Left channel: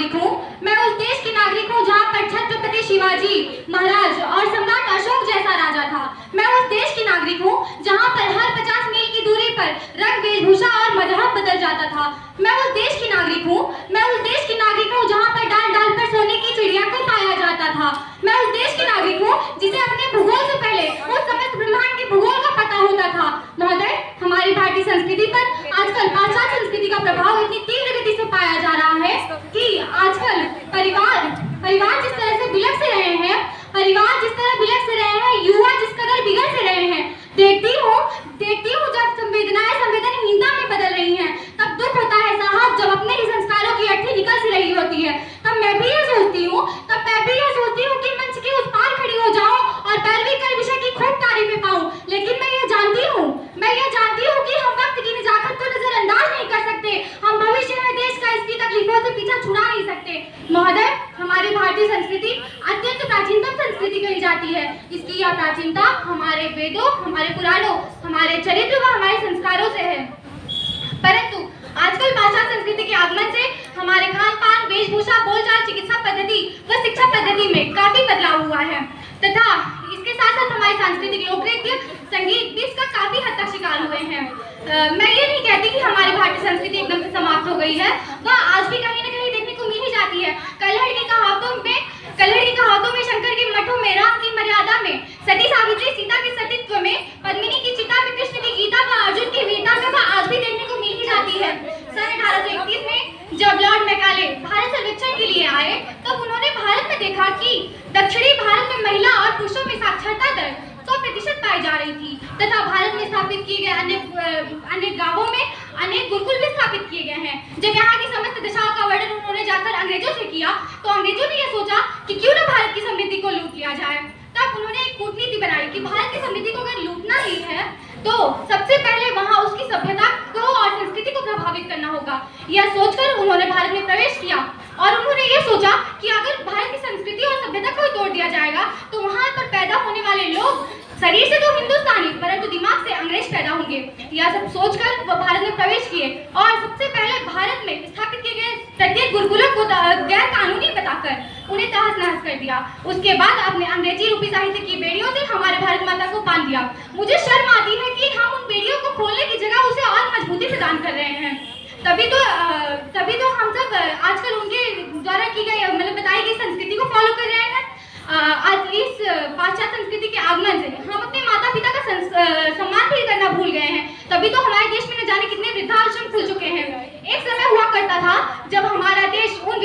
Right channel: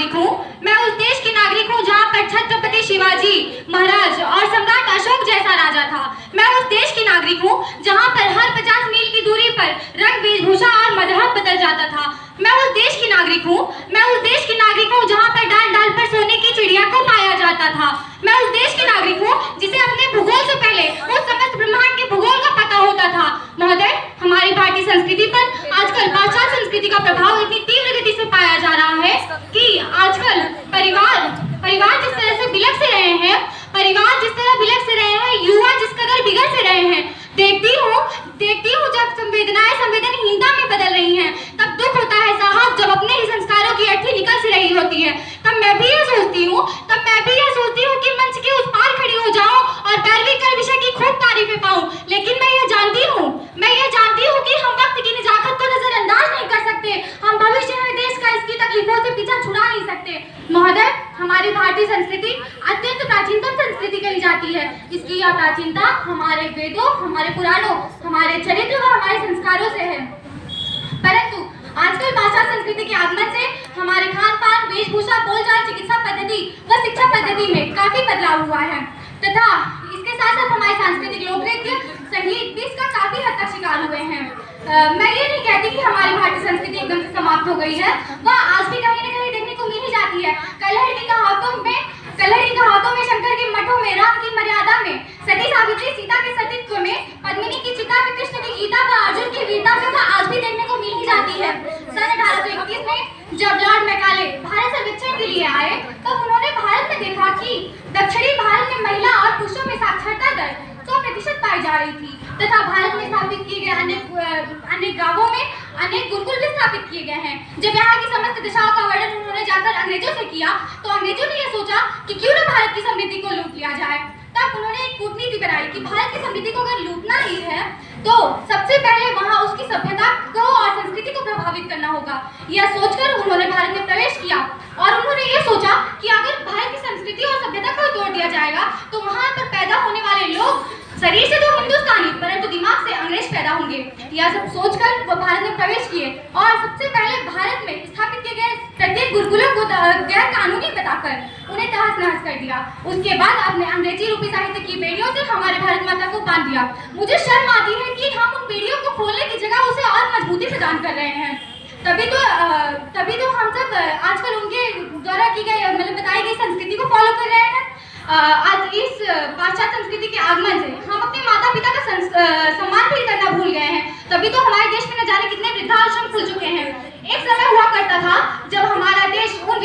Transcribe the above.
नागरिक हूँ। मैं उस देश की नागरिक हूँ जहाँ पर छत्रपति शिवाजी महाराज और सम्राट अशोक जैसा राजा था। मैं उस देश की नागरिक हूँ जहाँ पर हर 50 मील की दूरी पर रंग, वेशभूषा और मजहब बदल जाता था। मैं उस देश की नागरिक हूँ। मैं उस देश की नागरिक हूँ जहाँ पर डाल डाल पर सोने की चिड़िया को पाया जाता था। मैं उस देश की नागरिक हूँ जिसे अपने भूगोल से पहले उस समस्त ब्रह्मांड के भूगोल का पता होता था। महोदय, हमारी भारतीय संस्कृति पर आजकल पाश्चात्य संस्कृति का प्रभाव इतनी तीव्र गति से पाया जा रहा है कि आजकल परिवार जिस तरह से बिलख से रहे हैं, युवा जिस कदर बिगड़ से रहे हैं, देखती हूँ जब संवेदनाएं संवेदनहीनता में बदल रही हैं, तब दुख होता है साहब। जब अपने ही संस्कारों की अर्थी निकल से रही होती है, तब मैं भी यह सोचती हूँ कि मंच के उस पार खड़ी हो जाऊं और पैरवी कर विषय की खूब तारीफें पाऊं। लेकिन मैं यह जानती हूँ कि हम वक्त की निजाकत को नजरअंदाज नहीं कर सकते। हम भविष्य में देश का इसकी तकलीफों से पीछा छुड़ा नहीं सकते। महोदय, हमारी भारतीय संस्कृति अत्यंत प्राचीनतम संस्कृति कही जाती है। इसकी यह प्राचीनता हमारे वेदों, हमारे पुराणों, हमारे चरित्र व हमारे संस्कारों से है। परंतु आजकल पाश्चात्य संस्कृति के आगमन से हमारे खान पान, वेशभूषा, बोलचाल, चिकित्सा पद्धति व शिक्षा पद्धति में काफी बदलाव हुआ है तथा इसके साथ साथ हमारे सांस्कृतिक लोक नृत्य, संगीत भी इसका काफी हद तक शिकार हुए हैं। मैं ये नहीं कहती कि हमारी भारतीय संस्कृति एकदम से समाप्त हो गई है, वह आज भी कहीं न कहीं देखने को मिल ही जाती है। कल्हड़ की कहावतों में, शंकर के मठों में, राम की मर्यादा में, सती सावित्री सीता के सतीत्व में, पद्मिनी की चिता में, कृष्ण की गीता व अर्जुन की वीरता में वह आज भी देखने को मिल ही जाती है। सन 1831 में जब लॉर्ड मैकाले भारत सर्वेक्षण के लिए आए, तब उन्होंने भारत में देखा कि दक्षिणी भारत में महिला और पुरुषों में साक्षरता दर 100% पाई जा रही थी तथा भारत में स्थापित किए गए अन्य गांवों में अनेक गुरुकुल भी स्थापित किए गए हैं। जब यहाँ की समस्त दिशाओं का वर्णन उन्होंने जाकर अंग्रेजों से किया, तो अंग्रेजों ने यह सोचा कि क्यों न भारत की समृद्धि को लूट लिया जाए। तब उन्होंने एक कूटनीति बनाई कि भारत की समृद्धि को अगर लूटना ही है तो सबसे पहले वहाँ उसकी सभ्यता को और संस्कृति को प्रभावित करना होगा। यह सोचकर उन्होंने भारत में प्रवेश किया और उन्होंने ये सोचा कि अगर भारत की संस्कृति और सभ्यता को तोड़ दिया जाएगा तो वहाँ पर पैदा होने वाले लोग शरीर से तो हिंदुस्तानी परंतु दिमाग से अंग्रेज पैदा होंगे। यह सब सोचकर वो भारत में प्रवेश किए और सबसे पहले भारत में स्थापित किए गए प्रत्येक गुरुकुलों को गैर कानूनी बताकर उन्हें तहस नहस कर दिया। उसके बाद अपने अंग्रेजी रूपी साहित्य की बेड़ियों से हमारे भारत माता को बांध दिया। मुझे शर्म आती है कि हम उन बेड़ियों को खोलने की जगह उसे और मजबूती प्रदान कर रहे हैं। तभी तो हम सब आजकल उनके द्वारा की गई बताई गई संस्कृति को फॉलो कर रहे हैं। आज इस पाश्चात्य संस्कृति के आगमन से हम अपने माता पिता का सम्मान भी करना भूल गए हैं। तभी तो हमारे देश में न जाने कितने वृद्धाश्रम खुल चुके हैं। एक समय हुआ करता था जब हमारे